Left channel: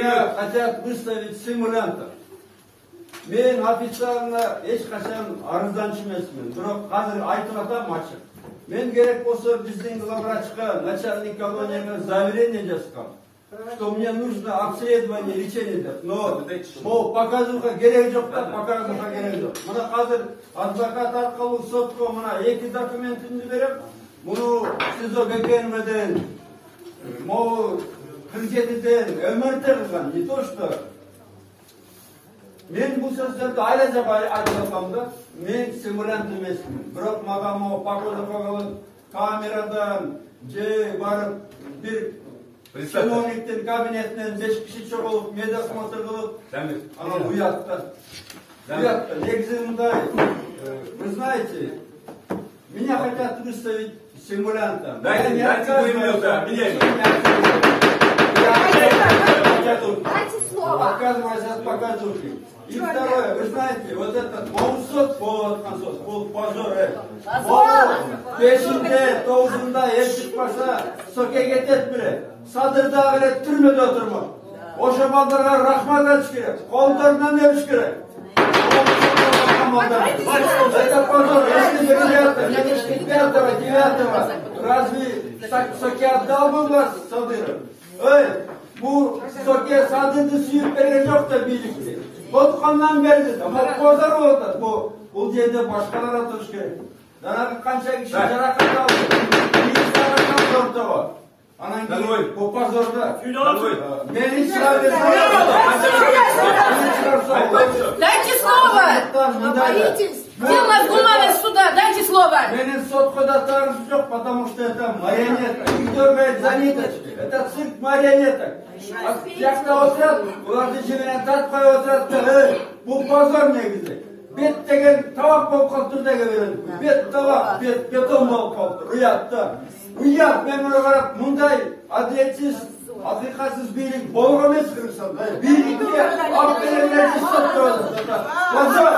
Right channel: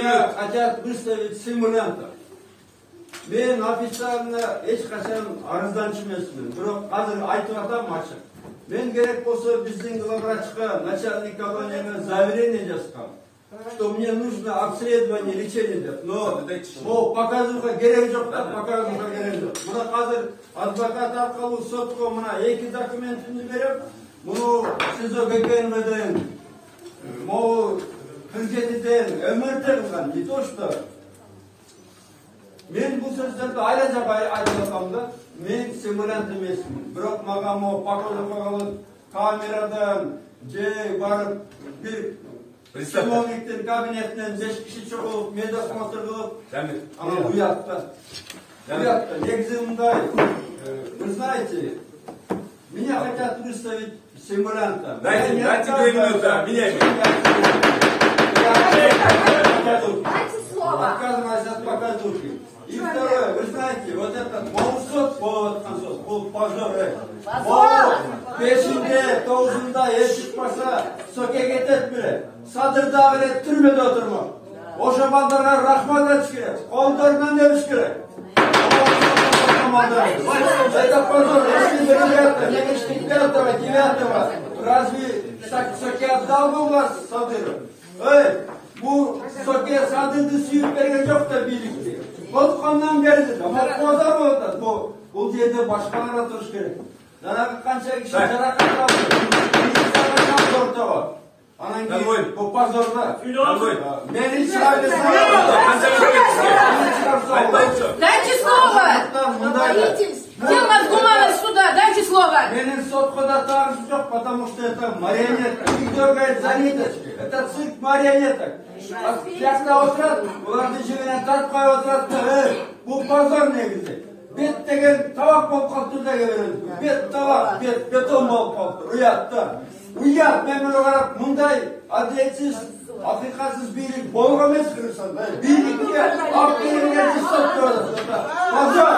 Меня хотят выставить симулянтом. Men официально ешқашан арызданчы емесмін. Бирок қазір айтып атам ачык. Мен керек болса биздин главврачка, начальник колонияга заявление жазгам, что мне нужно обследование, лечение деп. Но показууга керек жок да, показууга керек жок. Мына қазір адвокат аркылуу сотко мына 2 документимди берем. Муну СИЗО ГКНБден, могу президенттен өмүртө кылган. Не то что мен бұл сөздерді айла жаба айтып атам да, мен симулянт емесмін. Бирок мага могу показууга кылып камерадан же барып бир чиновниктин кабинетинен 5 киши чогулуп, медосмотр кылып, анан уятта. Негизи мындай, вы знаете, меня хотят выставить симулянтом. Дайте 2 минуты, отказываюсь от показухи. И второе, вы знаете, вот этот Моусот, вот позор, пешінде, тоғызында ешік баса, соке кетет біре, садырдағы лет түрмеде отырмақ. Оша балдарға рахмат етіш керек, қолдарынан өбіш керек. Это позор, если бы 9-го, разве соке отдал бы вас, Садыров? Bu soke sadırdı suyup bergen yok da birlikte. Bozkandan berdi. Ama kozar oldu. Bu yerde başkalar atış gerek. Zarar kança kişi jarakat aldı. Bir sana ortağı. Anan ki bu pazarda. Beni çağırırsan. Дайте слово! Дело вдумалось сюда, дайте слово! Менин сотхода тариф жоқ, потому что это марионетка. Их дергает за ниточки. Это цирк марионеток. Жақта отырады, оларды жегенен тартпай отырады. Бұл позор негізі. Бет деген табақ болып қалыпты да береді. Бет табақ, бетон болып қалыпты. Ұятта. Ұят, мен мұны қарап, мұндай әділетсіз, ақиқатсыз билік болуға емес Қырғызстанда. Билікке ақ беремелерді ұстап тұрады. Позор!